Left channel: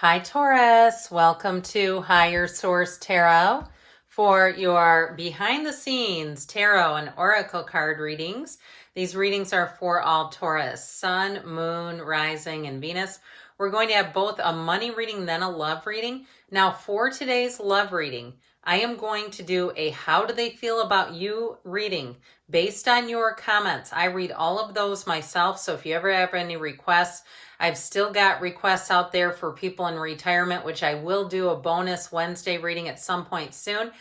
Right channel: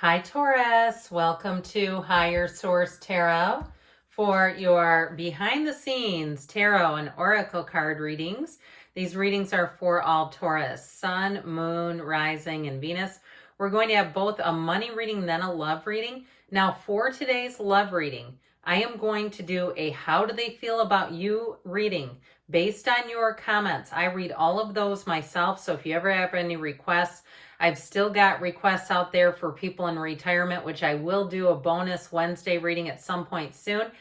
Hi, Taurus. Welcome to Higher Source Tarot for your behind the scenes tarot and oracle card readings. These readings are for all Taurus, Sun, Moon, Rising, and Venus. We're going to have both a money reading, then a love reading. Now, for today's love reading, I am going to do a how do they feel about you reading based on your comments. I read all of those myself, so if you ever have any requests, I've still got requests out there for people in retirement, which I will do a bonus Wednesday reading at some point soon.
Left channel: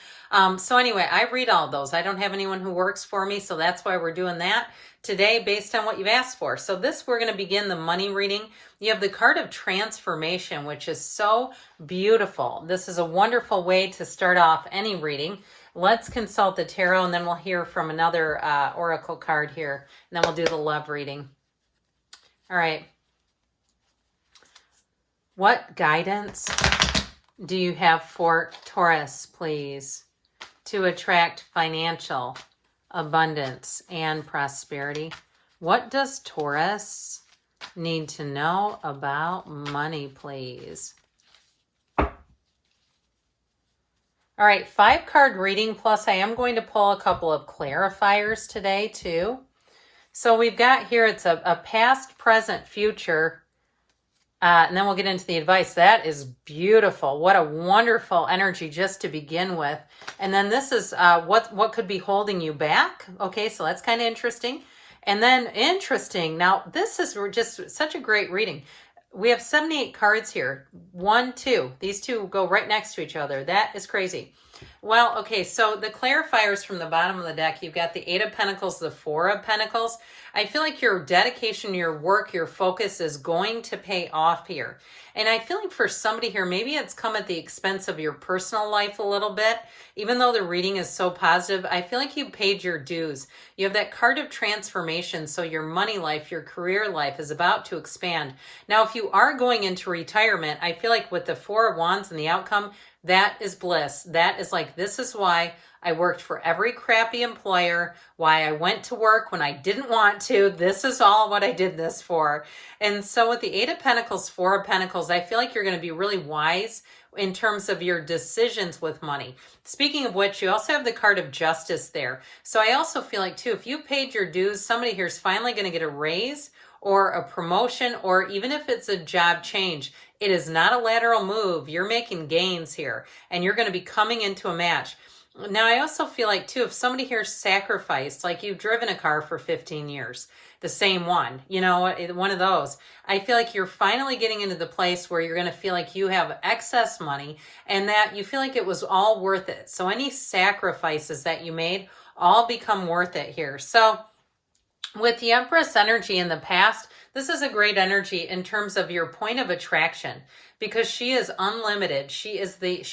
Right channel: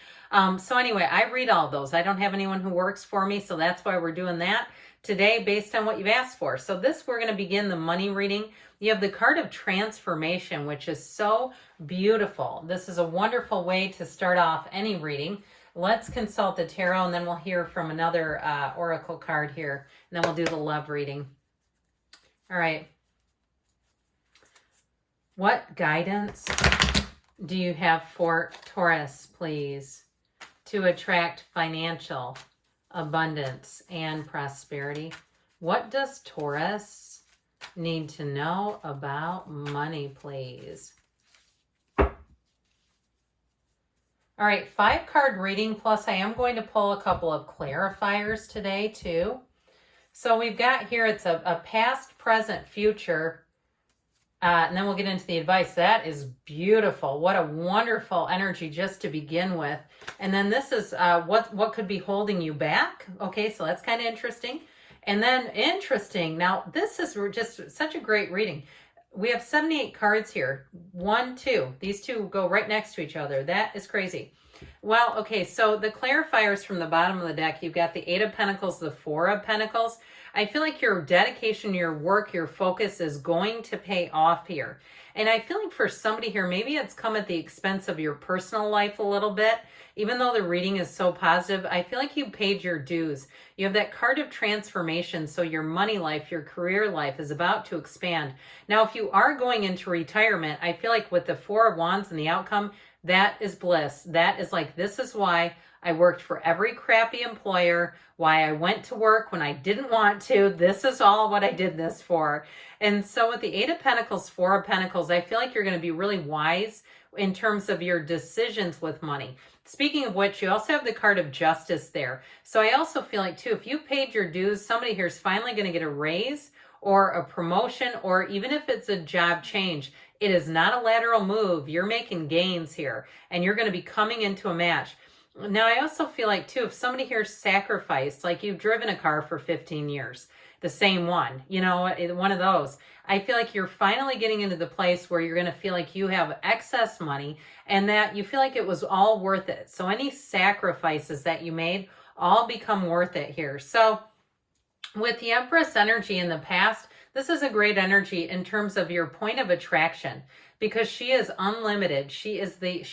So anyway, I read all those. I don't have anyone who works for me, so that's why we're doing that today based on what you've asked for. So we're going to begin the money reading. You have the card of transformation, which is so beautiful. This is a wonderful way to start off any reading. Let's consult the tarot, and then we'll hear from another oracle card here, and then we'll do the love reading. All right. What guidance do you have for Taurus, please, to attract financial abundance and prosperity? What does Taurus need to know about money, please? All right, 5-card reading, plus I am going to pull a couple of clarifiers today too. So we've got here, it's a past, present, future. And then we'll get into the advice. That is beautiful. What a wonderful energy just to begin with. And then this is what could be holding you back. Okay, so that's kind of interesting. And then interesting. Now, this is just such a great reading. We have 78 cards here. 1, 2. These two go right next to each other. That is crazy. Well, okay, so the clarifiers from the bottom of the deck, you've got the 8 of Pentacles, the 4 of Pentacles. I feel like your dedication, your work, your focus is going to pay off here. And I feel like for somebody here, maybe it's come at the expense of your personal life a little bit. Even though the reading is so positive, I feel like you paid your dues. You have that card of transformation, so your money life, your career life is about to expand. Now, if you are going into retirement, I feel like with the 4 of Wands and the outcome, that is bliss. That is like, this is why I worked for every crappy employer, why I went to work when I didn't want to. This is all what I did this for. And so with the 8 of Pentacles, 4 of Pentacles, I feel like you're going to be really wise in terms of your decisions with money. Speaking of which, you also have the card of justice there. So I also feel like too, if you paid your dues, somebody here is finally going to get a raise or a promotion, or even if it's a job change. It is not a lateral move. You're making gains here, and you're going to be coming into a match. Now, I also feel like, too, if somebody here sacrificed, like you've driven a car for 15 years, the same one, you know, one of those, I feel like you're finally getting into the place where you're going to feel like you have excess money and that you feel like it was all worth it. So any sacrifices that you made all become worth it here. So with the Empress energy in the past, this is a great energy in terms of your point of attraction, because she is unlimited. She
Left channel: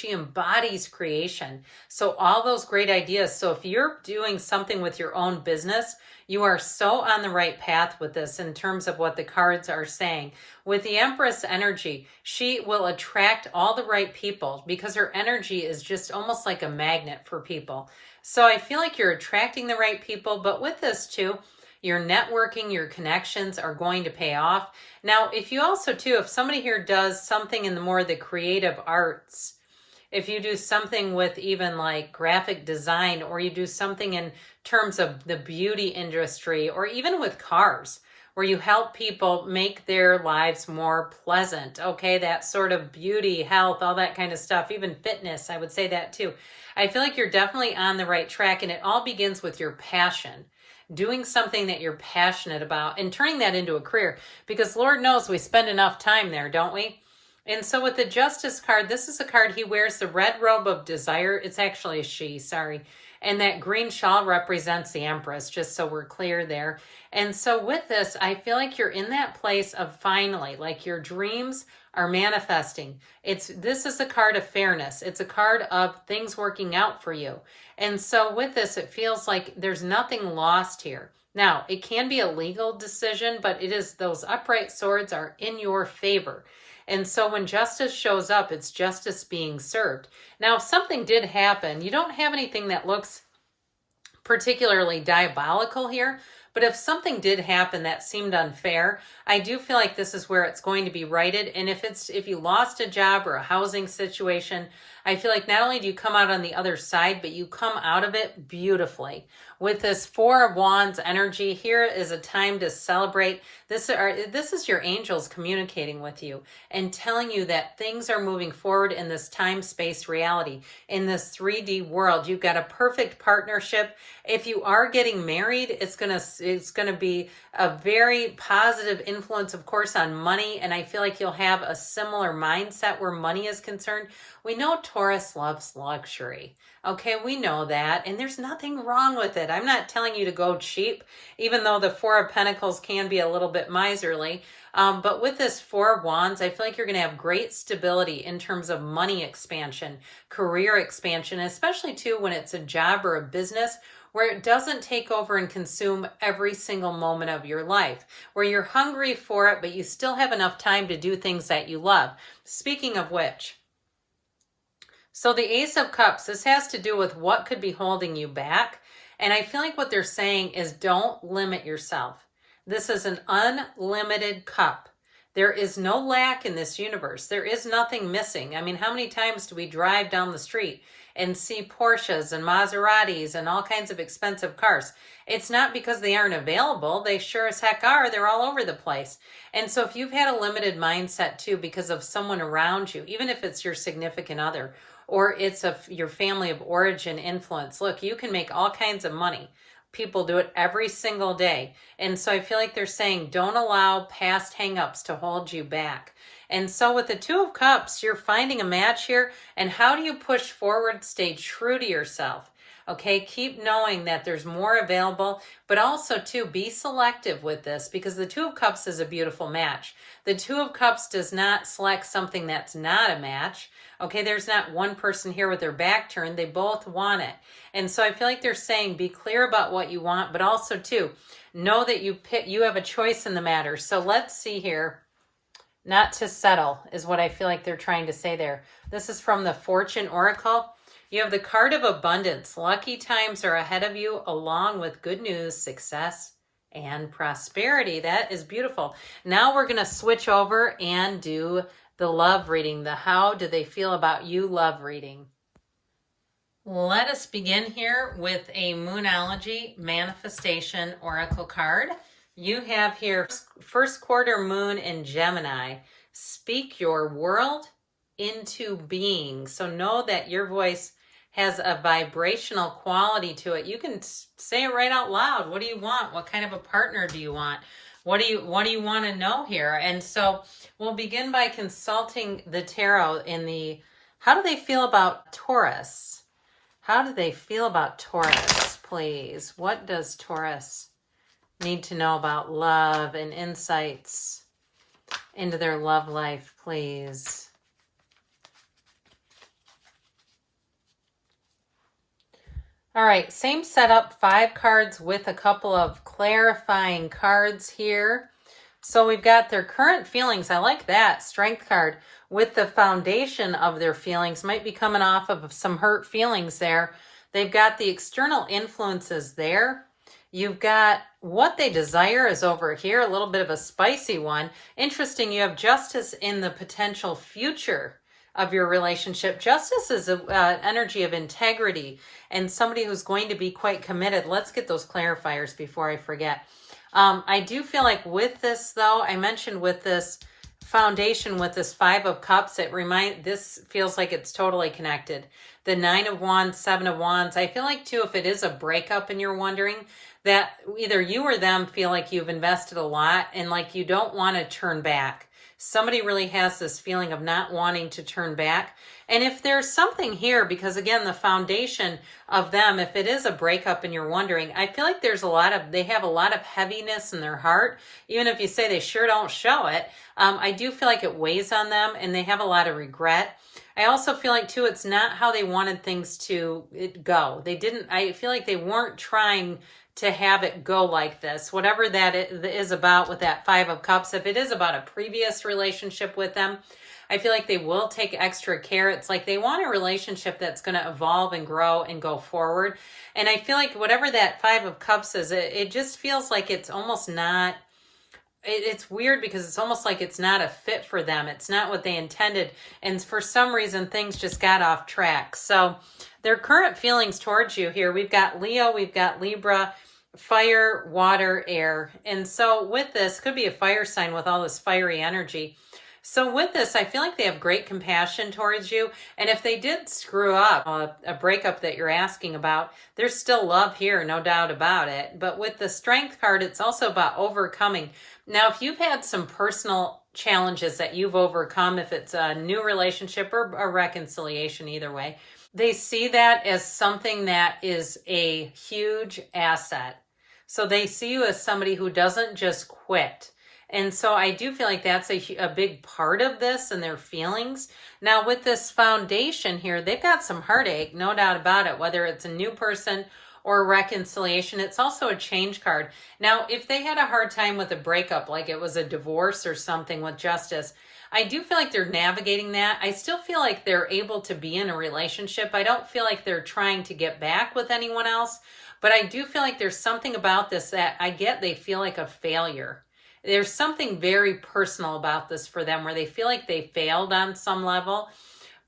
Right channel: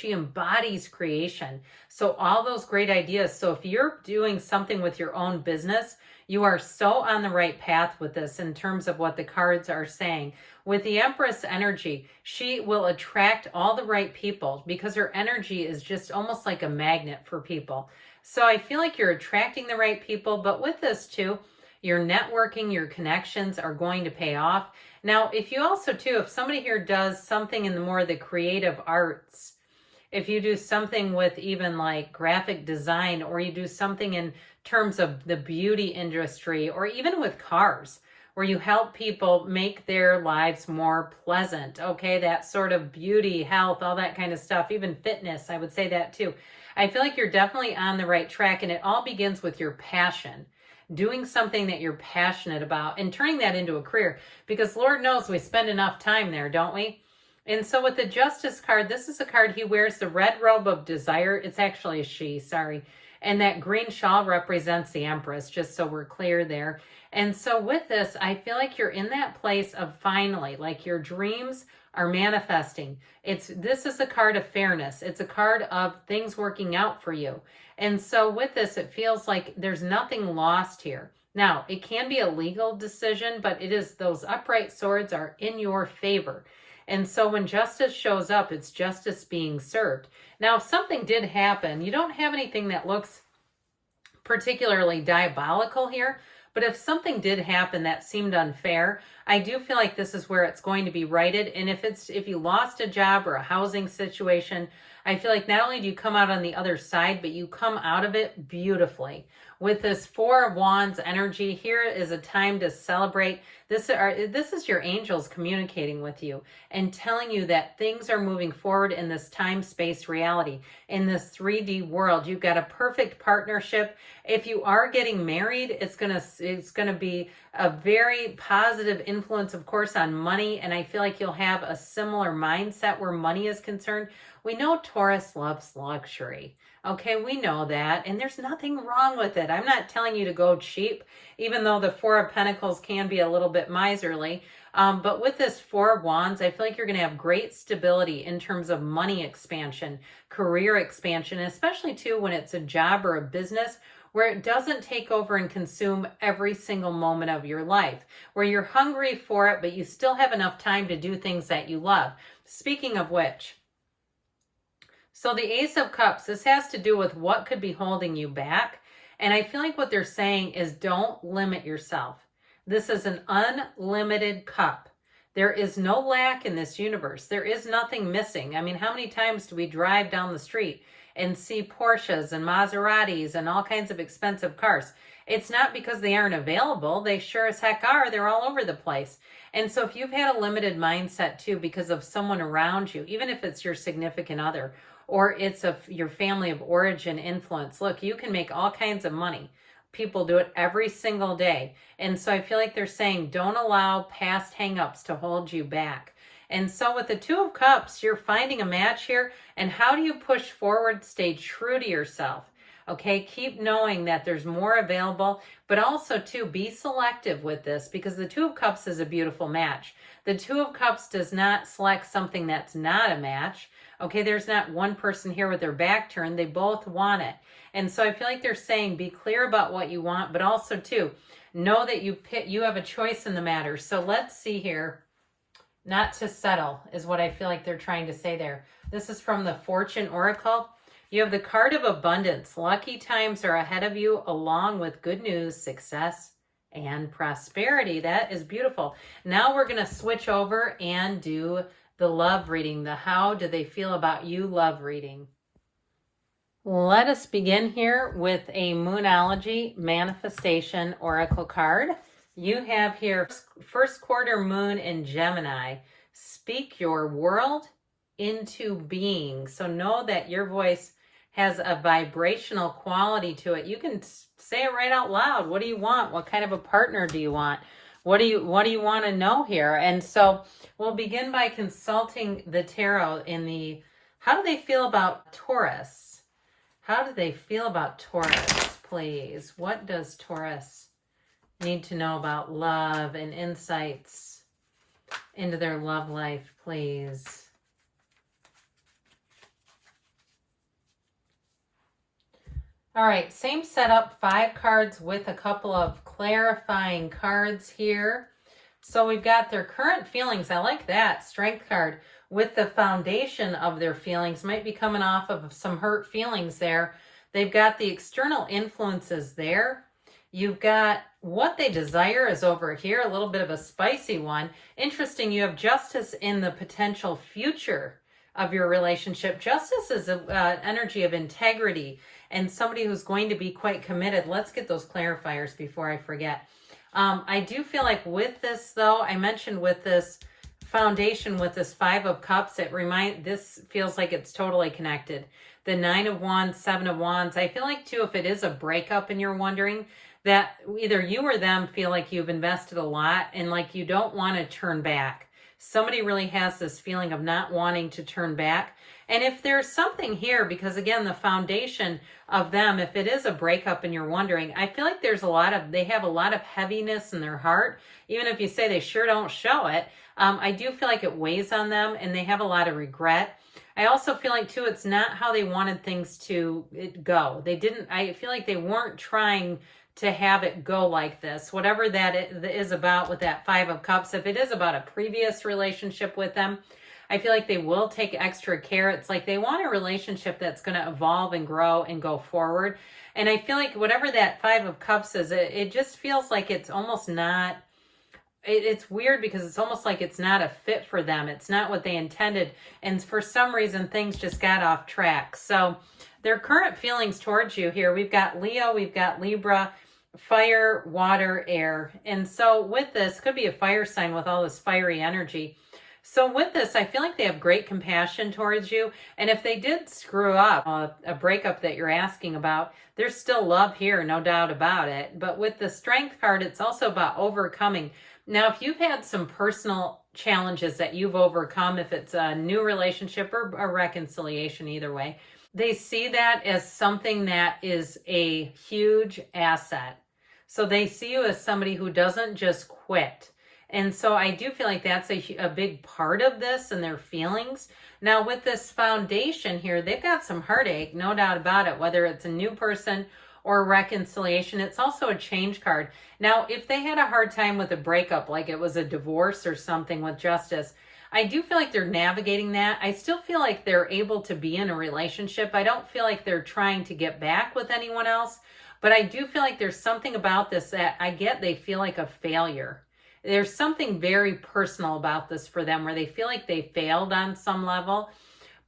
embodies creation. So all those great ideas. So if you're doing something with your own business, you are so on the right path with this in terms of what the cards are saying. With the Empress energy, she will attract all the right people because her energy is just almost like a magnet for people. So I feel like you're attracting the right people, but with this too, your networking, your connections are going to pay off. Now, if you also too, if somebody here does something in the more the creative arts, if you do something with even like graphic design, or you do something in terms of the beauty industry, or even with cars, where you help people make their lives more pleasant, okay, that sort of beauty, health, all that kind of stuff, even fitness, I would say that too. I feel like you're definitely on the right track, and it all begins with your passion. Doing something that you're passionate about and turning that into a career, because Lord knows we spend enough time there, don't we? And so with the Justice card, this is a card, he wears the red robe of desire. It's actually a she, sorry. And that green shawl represents the Empress, just so we're clear there. And so with this, I feel like you're in that place of finally, like your dreams are manifesting. This is a card of fairness. It's a card of things working out for you. And so with this, it feels like there's nothing lost here. Now, it can be a legal decision, but it is, those upright swords are in your favor. And so when justice shows up, it's justice being served. Now, if something did happen, you don't have anything that looks particularly diabolical here, But if something did happen that seemed unfair, I do feel like this is where it's going to be righted. And if you lost a job or a housing situation, I feel like not only do you come out on the other side, but you come out of it beautifully. With this Four of Wands energy, here is a time to celebrate. This is your angels communicating with you and telling you that things are moving forward in this time-space reality. In this 3D world, you've got a perfect partnership. If you are getting married, it's gonna be a very positive influence, of course, on money. And I feel like you'll have a similar mindset where money is concerned. We know Taurus loves luxury. Okay, we know that, and there's nothing wrong with it. I'm not telling you to go cheap, even though the Four of Pentacles can be a little bit miserly. But with this Four of Wands, I feel like you're going to have great stability in terms of money expansion, career expansion, especially too when it's a job or a business where it doesn't take over and consume every single moment of your life, where you're hungry for it, but you still have enough time to do things that you love. Speaking of which, so the Ace of Cups, this has to do with what could be holding you back. And I feel like what they're saying is don't limit yourself. This is an unlimited cup. There is no lack in this universe. There is nothing missing. I mean, how many times do we drive down the street and see Porsches and Maseratis and all kinds of expensive cars? It's not because they aren't available. They sure as heck are. They're all over the place. And so if you've had a limited mindset too because of someone around you, even if it's your significant other, or it's your family of origin influence. Look, you can make all kinds of money. People do it every single day. And so I feel like they're saying don't allow past hangups to hold you back. And so with the Two of Cups, you're finding a match here. And how do you push forward? Stay true to yourself. Okay, keep knowing that there's more available, but also too, be selective with this because the Two of Cups is a beautiful match. The Two of Cups does not select something that's not a match. Okay, there's not one person here with their back turned. They both want it. And so I feel like they're saying be clear about what you want, but also too, know that you have a choice in the matter. So let's see here. Not to settle is what I feel like they're trying to say there. This is from the Fortune Oracle. You have the card of abundance. Lucky times are ahead of you along with good news, success, and prosperity. That is beautiful. Now we're going to switch over and do the love reading, the how do they feel about you love reading. Let us begin here with a Moonology Manifestation Oracle card. You have here first quarter moon in Gemini. Speak your world into being. So know that your voice has a vibrational quality to it. You can say it right out loud. What do you want? What kind of a partner do you want? What do you want to know here? And so we'll begin by consulting the tarot in the, how do they feel about Taurus? How do they feel about Taurus, please? What does Taurus need to know about love and insights into their love life, please? All right, same setup, 5 cards with a couple of clarifying cards here. So we've got their current feelings. I like that strength card with the foundation of their feelings. Might be coming off of some hurt feelings there. They've got the external influences there. You've got what they desire is over here, a little bit of a spicy one. Interesting, you have justice in the potential future of your relationship. Justice is an energy of integrity and somebody who's going to be quite committed. Let's get those clarifiers before I forget. I do feel like with this, though, I mentioned with this foundation, with this 5 of Cups, this feels like it's totally connected. The 9 of Wands, 7 of Wands. I feel like, too, if it is a breakup and you're wondering, that either you or them feel like you've invested a lot and like you don't want to turn back. Somebody really has this feeling of not wanting to turn back. And if there's something here, because again, the foundation of them, if it is a breakup and you're wondering, I feel like they have a lot of heaviness in their heart. Even if you say they sure don't show it, I do feel like it weighs on them and they have a lot of regret. I also feel like too, it's not how they wanted things to go. I feel like they weren't trying to have it go like this. Whatever that is about with that Five of Cups, if it is about a previous relationship with them, I feel like they will take extra care. It's like they want a relationship that's going to evolve and grow and go forward. And I feel like whatever that Five of Cups is, it just feels like it's almost not, it's weird because it's almost like it's not a fit for them. It's not what they intended. And for some reason, things just got off track. So their current feelings towards you here, we've got Leo, we've got Libra, fire, water, air. And so with this, could be a fire sign with all this fiery energy. So with this, I feel like they have great compassion towards you. And if they did screw up a breakup that you're asking about, there's still love here, no doubt about it. But with the Strength card, it's also about overcoming. Now, if you've had some personal challenges that you've overcome, if it's a new relationship or a reconciliation, either way, they see that as something that is a huge asset. So they see you as somebody who doesn't just quit. And so I do feel like that's a big part of this and their feelings. Now with this foundation here, they've got some heartache, no doubt about it, whether it's a new person or reconciliation. It's also a change card. Now, if they had a hard time with a breakup, like it was a divorce or something with justice, I do feel like they're navigating that. I still feel like they're able to be in a relationship. I don't feel like they're trying to get back with anyone else, but I do feel like there's something about this that I get they feel like a failure. There's something very personal about this for them where they feel like they failed on some level.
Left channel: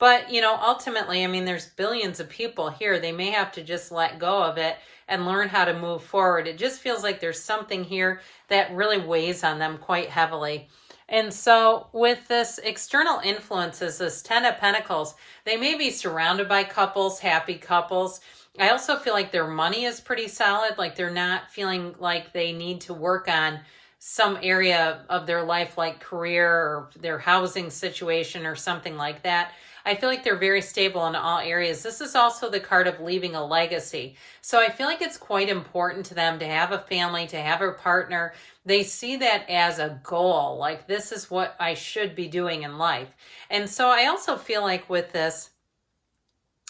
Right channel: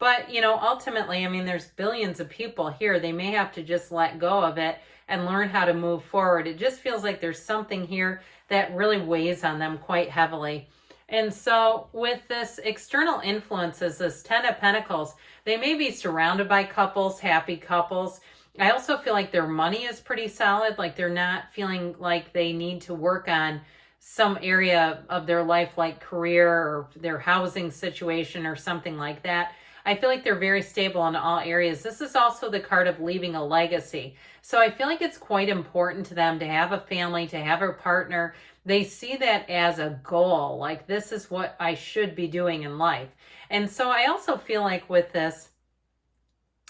But, you know, ultimately, I mean, there's billions of people here. They may have to just let go of it and learn how to move forward. It just feels like there's something here that really weighs on them quite heavily. And so with this external influences, this 10 of Pentacles, they may be surrounded by couples, happy couples. I also feel like their money is pretty solid. Like they're not feeling like they need to work on some area of their life like career or their housing situation or something like that. I feel like they're very stable in all areas. This is also the card of leaving a legacy. So I feel like it's quite important to them to have a family, to have a partner. They see that as a goal, like this is what I should be doing in life. And so I also feel like with this,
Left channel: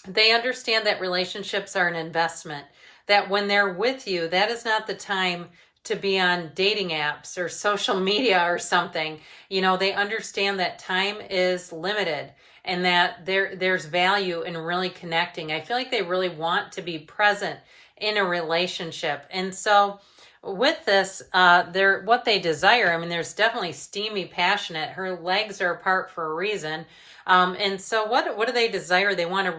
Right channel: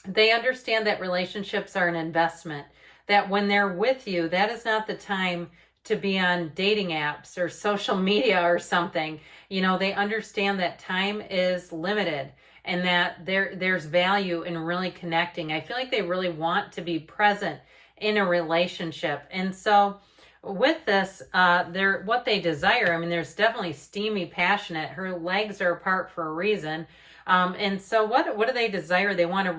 they understand that relationships are an investment, that when they're with you, that is not the time to be on dating apps or social media or something. You know, they understand that time is limited and that there's value in really connecting. I feel like they really want to be present in a relationship. And so with this, what they desire, I mean, there's definitely steamy, passionate. Her legs are apart for a reason. And so what do they desire? They want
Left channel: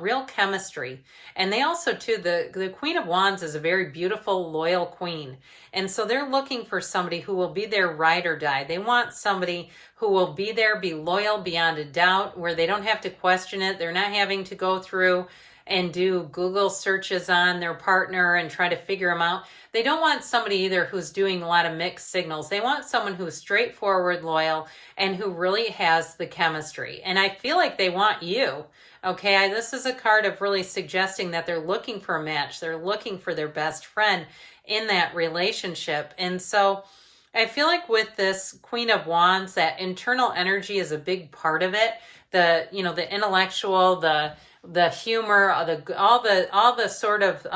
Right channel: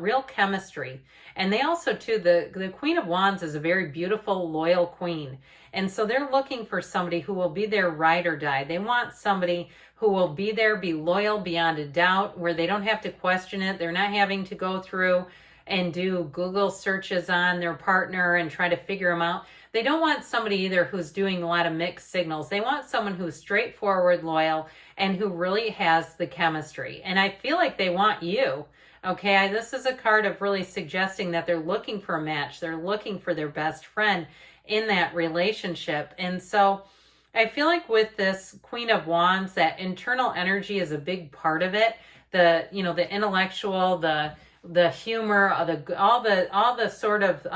real chemistry. And they also too, the Queen of Wands is a very beautiful, loyal queen. And so they're looking for somebody who will be their ride or die. They want somebody who will be there, be loyal beyond a doubt, where they don't have to question it. They're not having to go through and do Google searches on their partner and try to figure them out. They don't want somebody either who's doing a lot of mixed signals. They want someone who's straightforward, loyal, and who really has the chemistry. And I feel like they want you. Okay, this is a card of really suggesting that they're looking for a match. They're looking for their best friend in that relationship. And so I feel like with this Queen of Wands, that internal energy is a big part of it. The intellectual, the humor, all the sort of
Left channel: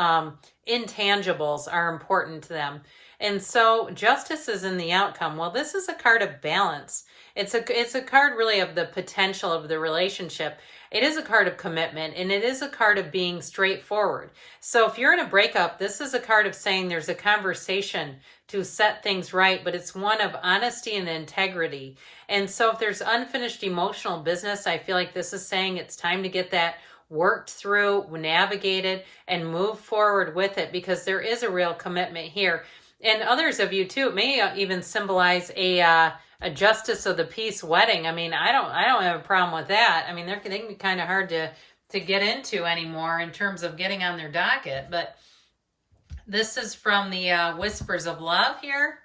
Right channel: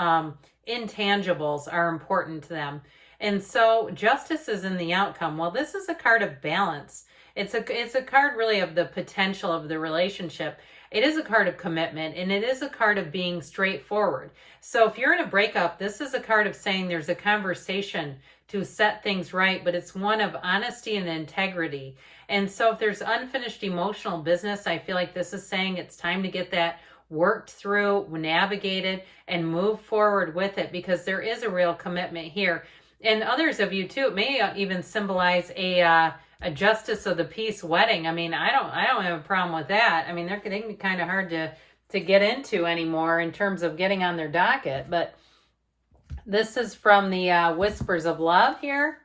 intangibles are important to them. And so justice is in the outcome. Well, this is a card of balance. It's a card really of the potential of the relationship. It is a card of commitment, and it is a card of being straightforward. So if you're in a breakup, this is a card of saying there's a conversation to set things right, but it's one of honesty and integrity. And so if there's unfinished emotional business, I feel like this is saying it's time to get that worked through, navigated, and move forward with it, because there is a real commitment here. And others of you too, it may even symbolize a justice of the peace wedding. I mean, I don't have a problem with that. I mean, they can be kind of hard to get into anymore in terms of getting on their docket. But this is from the Whispers of Love here.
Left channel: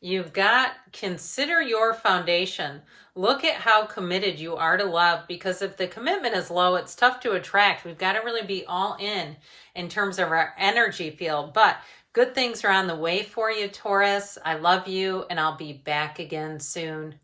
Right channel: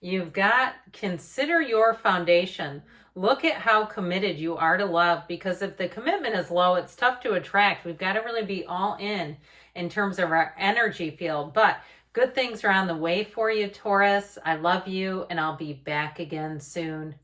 You've got, consider your foundation. Look at how committed you are to love, because if the commitment is low, it's tough to attract. We've got to really be all in terms of our energy field. But good things are on the way for you, Taurus. I love you, and I'll be back again soon.